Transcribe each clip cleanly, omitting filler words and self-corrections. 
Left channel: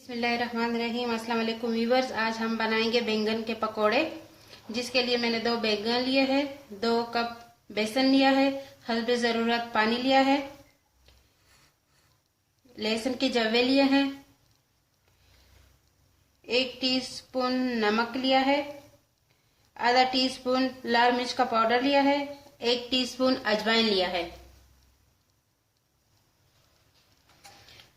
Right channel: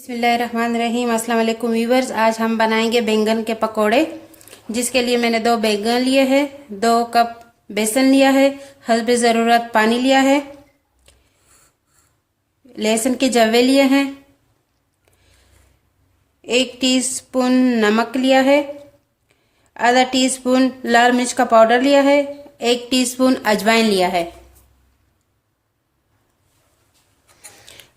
बिस्मिल्लाहिर्रहमानिर्रहीम। अस्सलाम वालेकुम व्यूवर्स। आज हम बनाएंगे बैंगन के पकोड़े, जिसके लिए मैंने 2 बैंगन लिए हैं, 2 कप बेसन लिया है, हस्बे ज़रूरत पानी लिया है, लहसुन के जवे लिए हैं, 1 टीस्पून नमक लिया है, आधा टीस्पून लाल मिर्च का पाउडर लिया है, 1 टीस्पून अजवाइन लिया है।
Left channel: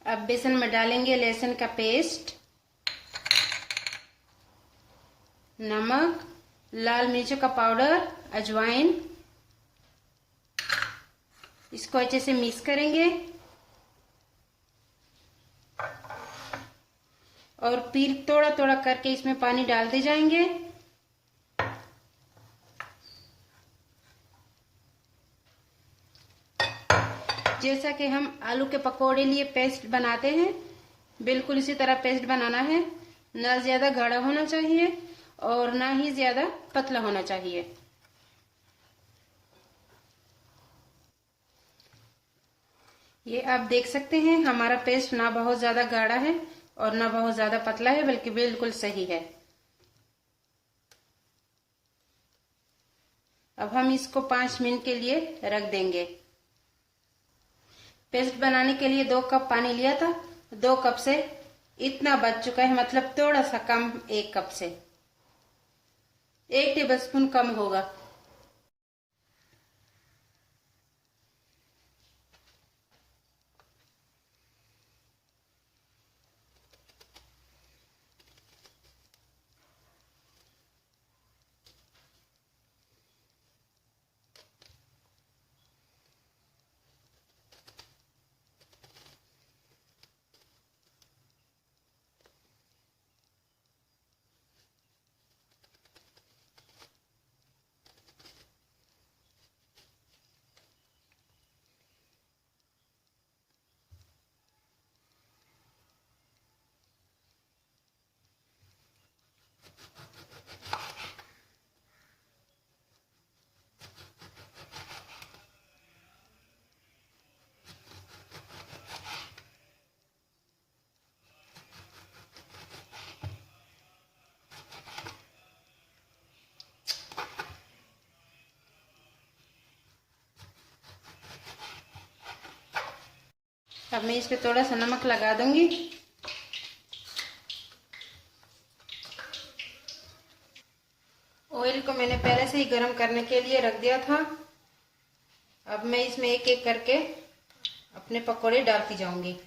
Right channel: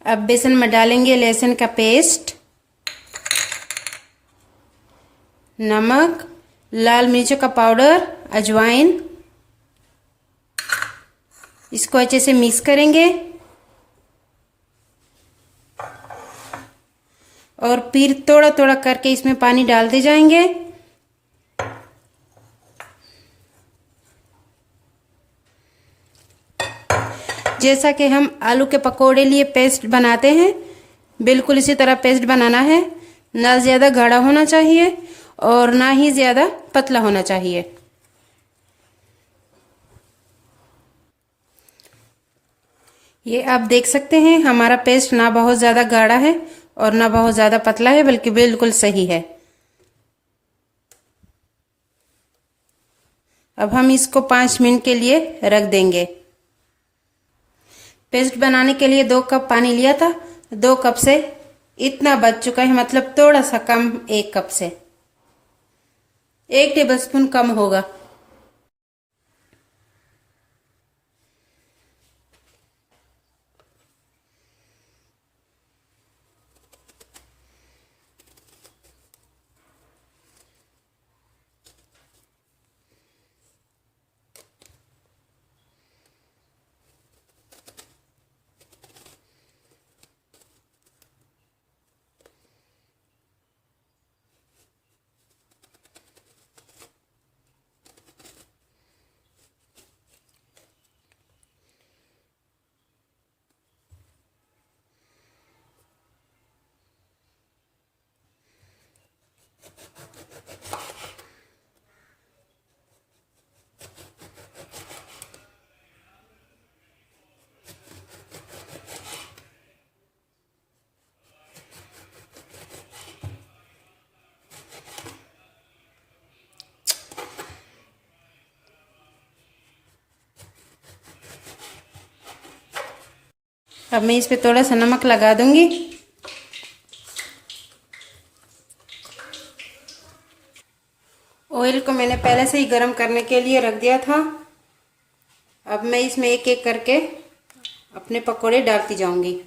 अब बेसन में डालेंगे लहसुन का पेस्ट, नमक, लाल मिर्च का पाउडर, अजवाइन। इसको अच्छे से मिक्स करेंगे और फिर थोड़ा थोड़ा करके इसमें पानी डालते जाएंगे। जैसा कि हम आलू के पकोड़े लिए पेस्ट बनाते हैं, बिल्कुल इसी तरह पेस्ट बनाना है। ना ज़्यादा गाढ़ा होना चाहिए और ना ही ज़्यादा पतला होना चाहिए। ये आप देख सकते हैं, हमारा पेस्ट ना बहुत ज़्यादा गाढ़ा है और ना बहुत ज़्यादा पतला है, बल्कि बिल्कुल सही है। अब हम इसको 5 मिनट के लिए रख देंगे। पेस्ट बनाने के लिए 2 कप पानी लिया था, 2 कप से इतना बच चुका है, मतलब थोड़ा सा कम, 1 कप से 1 टेबलस्पून कम होगा। अब मैं इस पे थोड़ा सा नमक लगा दूंगी। ऑयल को मैंने पहले से ही गर्म करने के लिए रख दिया था। अब मैं इसमें एक एक करके अपने पकोड़े डालती जाऊंगी।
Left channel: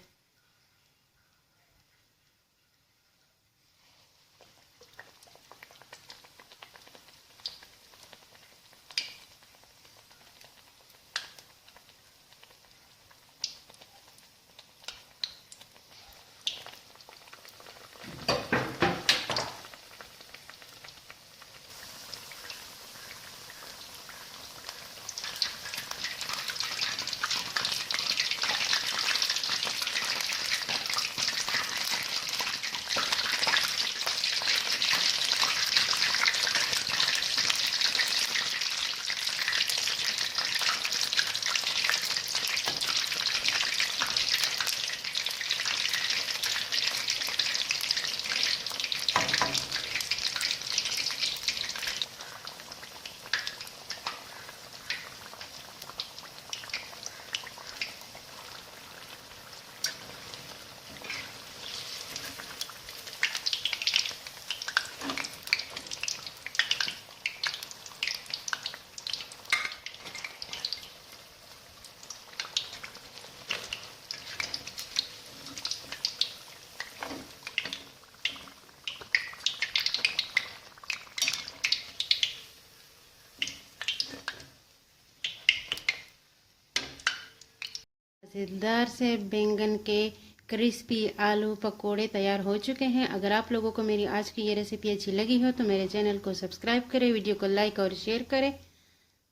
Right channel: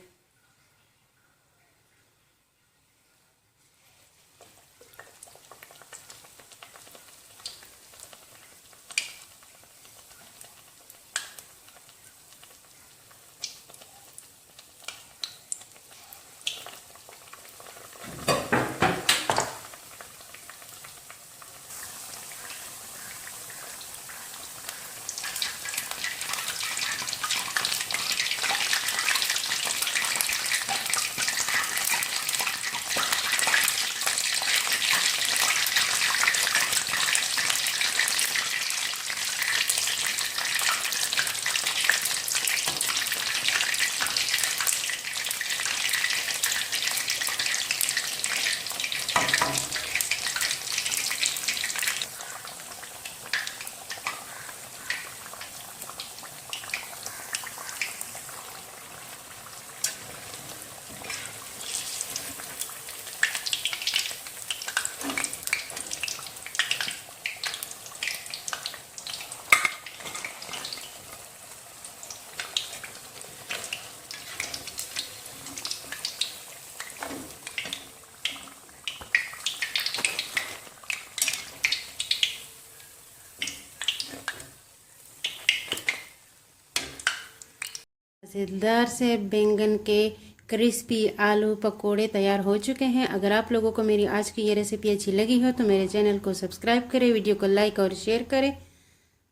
मज़ेदार से बैंगन के क्रिस्पी आलू पकोड़े तैयार हो चुके हैं। अगर आप लोगों को मेरी आज की ये रेसिपी अच्छी लगी हो तो मेरे चैनल को सब्सक्राइब करें, वीडियो को लाइक और शेयर करें।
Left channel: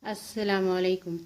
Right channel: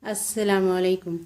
अस्सलाम वालेकुम।